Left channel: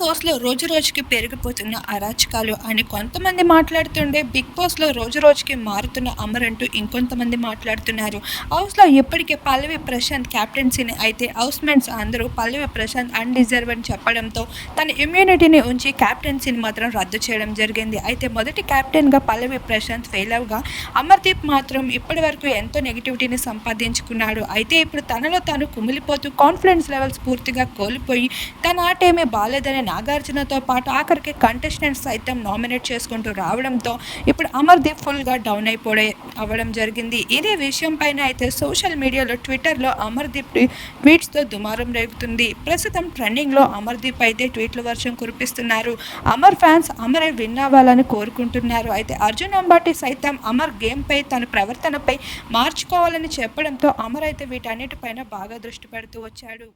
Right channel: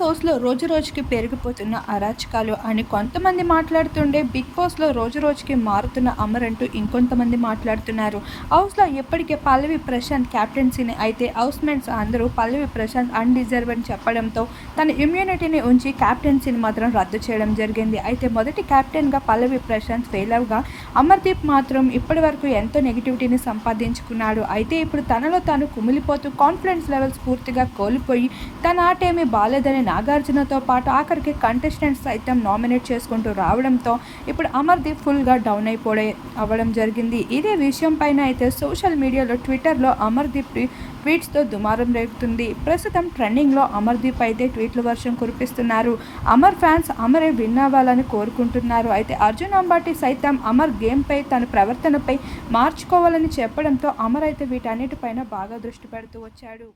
Boss రోజు రోజుకి పెరిగిపోతున్న అరాచకాలు అని కొంతమంది మాట్లాడుతుండే బిగ్ బాస్లో రోజు రోజుకి మారుతున్న అమర్ అంటూ ఇంకొంతమంది మాట్లాడుతున్నారు. హౌస్లో ఇప్పటికే పల్లవి ప్రశాంత్ క్యాప్టెన్సీని అయితే హౌస్ మేట్స్ అందరూ పల్లవి ప్రశాంత్ అన్డిజర్వ్ అని చెప్పడంతో తన ఇమ్యూనిటీని ఉంచి క్యాప్టెన్సీని మాత్రం రద్దు చేయడం జరిగింది. అయితే మొదటి క్యాప్టెన్గా పల్లవి ప్రశాంత్ ఫెయిల్ అవగా అమర్దీప్ మాత్రం ఇప్పటి వరకు ఎంతో నెగిటివిటీని సంపాదించుకున్నాడు. అయితే ఇప్పుడు తనలో తాను కుమిలిపోతూ కాన్ఫిడెన్స్ లెవెల్స్ పూర్తిగా కోల్పోయి తన ఆట ఏమీ బాగాలేదని నాగార్జునతో పాటు ఆఖరికి కంటెస్టెంట్ సైతం నామినేట్ చేసుకుంటూ రావడంతో ఇప్పుడు అమర్దీప్ ఫుల్గా డౌన్ అయిపోడే అవ్వడం జరిగింది. ఇదే విషయం పైన అయితే సోషల్ మీడియాలో ట్విట్టర్లో అమర్దీప్ ట్వీట్స్తో దుమారం రేగుతుంది. ప్రస్తుతం ట్రెండింగ్లో అమర్దీప్ అయితే ట్వీట్ల వర్షం కురిపిస్తున్నారు. అమర్ ఫ్యాన్స్ అమరే విన్ అవ్వాలని కోరుకుంటున్నారు. అయితే అర్జున్ అంబాటి సైతం అమర్ గేమ్పై తన ప్రవర్తనపై మార్చుకోవాలని చెప్పడంతో అమర్ అయితే వీటన్నిటిపైన బాగా దృష్టి పెడుతూ వచ్చాడు.